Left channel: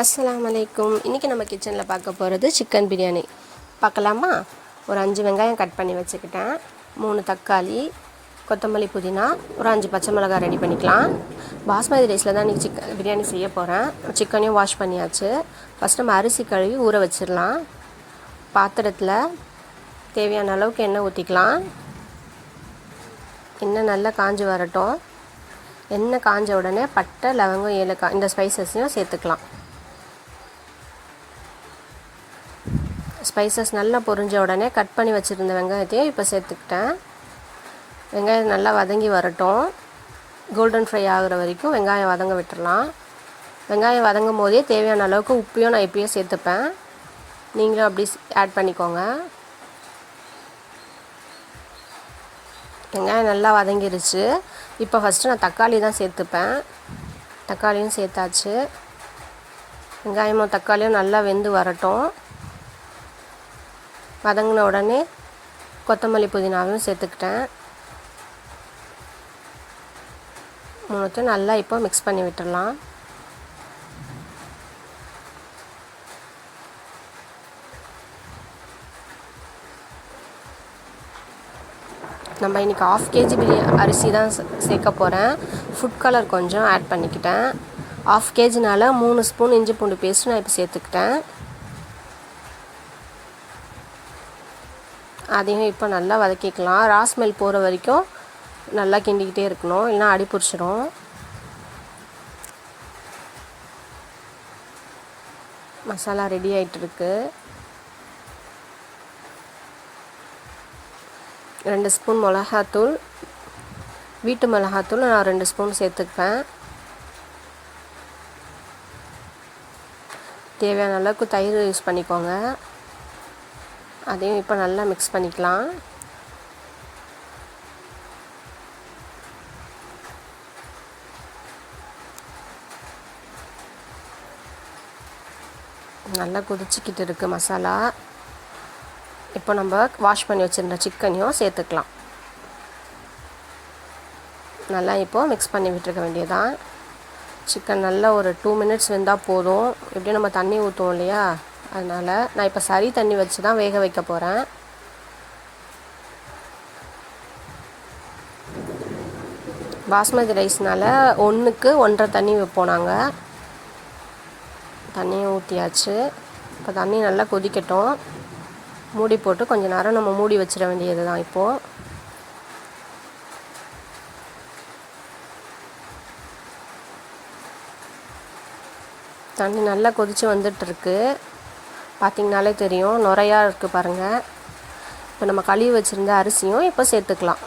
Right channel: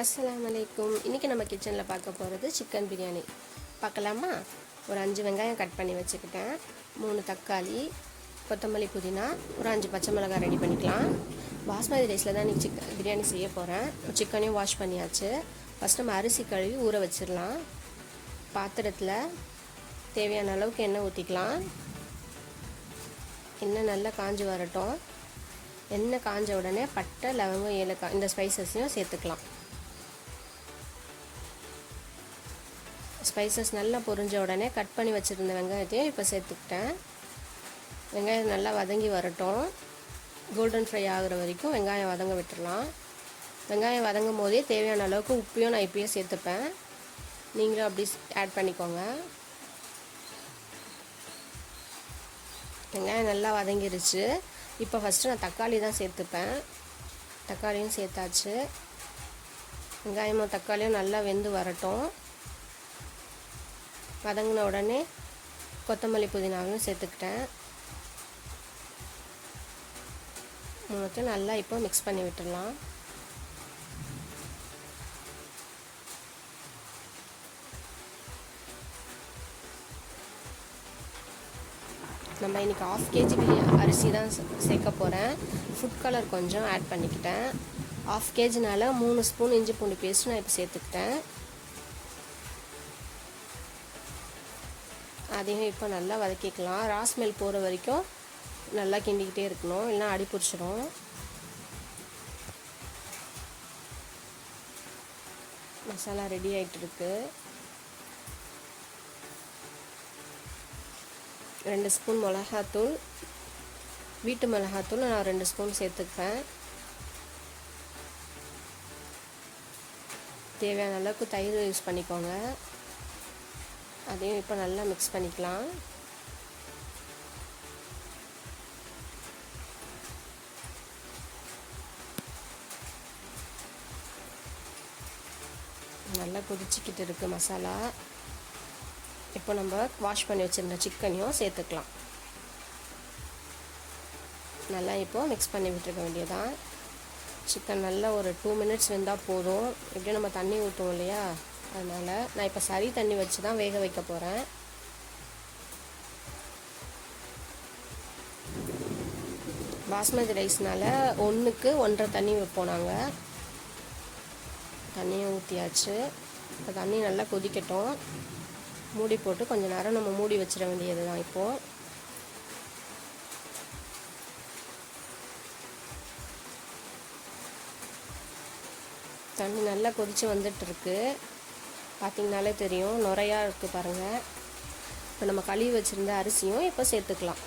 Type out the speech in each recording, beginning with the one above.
அஸ்ஸலாமு அலைக்கும். இன்றைக்கி நம்ம கிச்சனில் பார்க்க போகிறது சிக்கன் பிரியாணி. பார்க்கலாமா? ஒரு 5 வெங்காயம் கட் பண்ணி வச்சுக்கிட்டேன், 3 தக்காளி, கொத்தமல்லி, புதினா, ஒரு 5 பச்சை மிளகாய் ரெடி பண்ணிக்கலாம். பாஸ்மதி ரைஸில் தான் இன்றைக்கி பிரியாணி செய்ய போகிறேன். சிக்கனையும் வாஷ் பண்ணியாச்சு. ஃபஸ்ட் நம்ம அரிசி கழுவி ஊற வச்சிடலாம். பாத்திரத்தில் தேவையான அளவுக்கு எண்ணெய் ஊற்றிக்கலாம். எண்ணெய் நல்லா காஞ்சி வரட்டும். எண்ணெய் காஞ்ச உடனே பட்டை, லவங்கம், ஏலக்காய் இந்த ஸ்பைசஸையும் சேர்த்துக்கலாம். ஸ்பைசஸ் நல்லா பொரிஞ்ச உடனே கட் பண்ணி வச்சுருந்த வெங்காயத்தையும் இப்போ சேர்த்துக்கிட்டேன். வெங்காயம் நல்லா வதங்கி வரட்டும். கோல்டன் ஃப்ரை ஆகிற வரைக்கும் வெங்காயம் வதங்க விட்டுடலாம். வெங்காயம் வதங்கும் போதே தேவையான அளவுக்கு உப்பையும் நான் இப்பயே சேர்த்துப்பேன். நீங்களும் அப்படி ஆட் பண்ணிக்கோங்க. வெங்காயம் நல்லா வதங்கிருச்சு. இப்போ ஃபஸ்ட்டு நான் தக்காளி தான் சேர்த்துப்பேன். தக்காளியும் சேர்த்தாச்சு. வெங்காயமும் தக்காளியும் நல்லா வெந்து வரட்டும். வதங்கின உடனே கொத்தமல்லி, புதினாவையும் சேர்த்துக்கிட்டேன். மூணுத்தையும் நல்லா இப்போ மிக்ஸ் பண்ணி விட்டுடலாம். நம்ம இன்றைக்கி 1/2 kg அரிசி தான் சேர்க்க போகிறேன். ஃபுட் கலர் கொஞ்சம் ஆட் பண்ணிக்கிட்டேன். 1/2 kgனால 3 ஸ்பூன் இஞ்சி பூண்டு பேஸ்ட் நான் இப்போ சேர்த்துக்கிட்டேன். அதையும் இப்போ நல்லா வதக்கிக்கலாம். ராஸ்மெல் போகிற வரைக்கும் நல்லா கிண்டிக்கிட்டே இருக்கணும், இல்லைனா அடி பிடிச்சிடும். மசாலா ரெடி ஆகிட்டுருக்கு. 2 ஸ்பூன் மிளகாத்தூள், வீட்டு மிளகாத்தூள் நான் 2 ஸ்பூன் சேர்த்துப்பேன். தேவையான அளவுக்கு தயிர் யூஸ் பண்ணிக்கோங்க. அதையும் இப்போ நல்லா மிக்ஸ் பண்ணிக்கலாம். நல்லா கொதிச்சிக்கிட்டு இருக்குது மசாலா. இப்போ நம்ம வாஷ் பண்ணி வச்சுருந்த சிக்கனையும் சேர்த்துக்கலாம். நல்லா இப்போது மிக்ஸ் பண்ணி விட்டுருக்க வேண்டியதான். சிக்கன் நல்லா ஒரு 2 மினிட்ஸ் வெந்தால் போதும். எப்படியும் நம்ம தண்ணி ஊற்றுவோம் இல்லையா, அதனால் நான் இப்போ சரி தண்ணி வச்சு தான் வேக வைக்க போகிறேன். பாஸ்மதி ரைஸ்னால் 1க்கு 1.5 தண்ணி வைப்போம் நாங்கள். தண்ணியும் ஊற்றியாச்சு. இப்போ தண்ணி நல்லா கொதிக்கட்டும். மூடி போட்டு கொஞ்சம் நேரம் நம்ம மூடி வச்சிட வேண்டியது தான். இப்போது தண்ணி நல்லா கொதித்து வந்துட்டுருக்கு. பார்த்திங்கனாலே தெரியும், நுரையாக இருக்குது பாருங்கள். இப்போ நம்ம கழுவி வச்சுருந்த அரிசியும் இப்போ சேர்த்துக்கலாம்.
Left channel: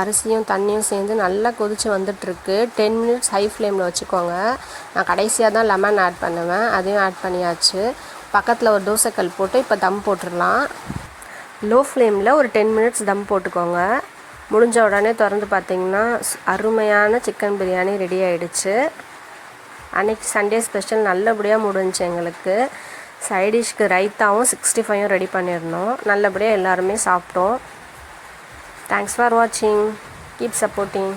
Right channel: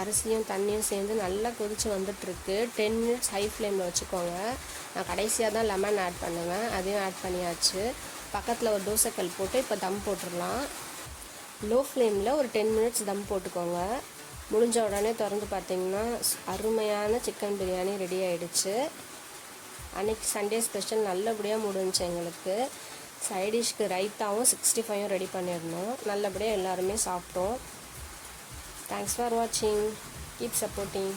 அரிசியும் தண்ணியும் சேர்ந்து நல்லா கொதித்து வந்துட்டுருக்கு. 10 மினிட்ஸ் ஹை ஃப்ளேமில் வச்சுக்கோங்க. நான் கடைசியாக தான் லெமன் ஆட் பண்ணுவேன். அதையும் ஆட் பண்ணியாச்சு. பக்கத்தில் ஒரு தோசைக்கல் போட்டு இப்போ தம் போட்டுடலாம். லோ ஃப்ளேமில் ஒரு 10 மினிட்ஸ் தம் போட்டுக்கோங்க. முடிஞ்ச உடனே திறந்து பார்த்திங்கன்னா அருமையான சிக்கன் பிரியாணி ரெடி ஆகிடுச்சு. அன்றைக்கி சண்டே ஸ்பெஷல் நல்லபடியாக முடிஞ்சிச்சு எங்களுக்கு. சைடிஷ்க்கு ரைத்தாவும் 65ம் ரெடி பண்ணியிருந்தோம். நல்லபடியாக எல்லாருமே சாப்பிட்டோம். தேங்க்ஸ் ஃபார் வாட்சிங். Keep supporting.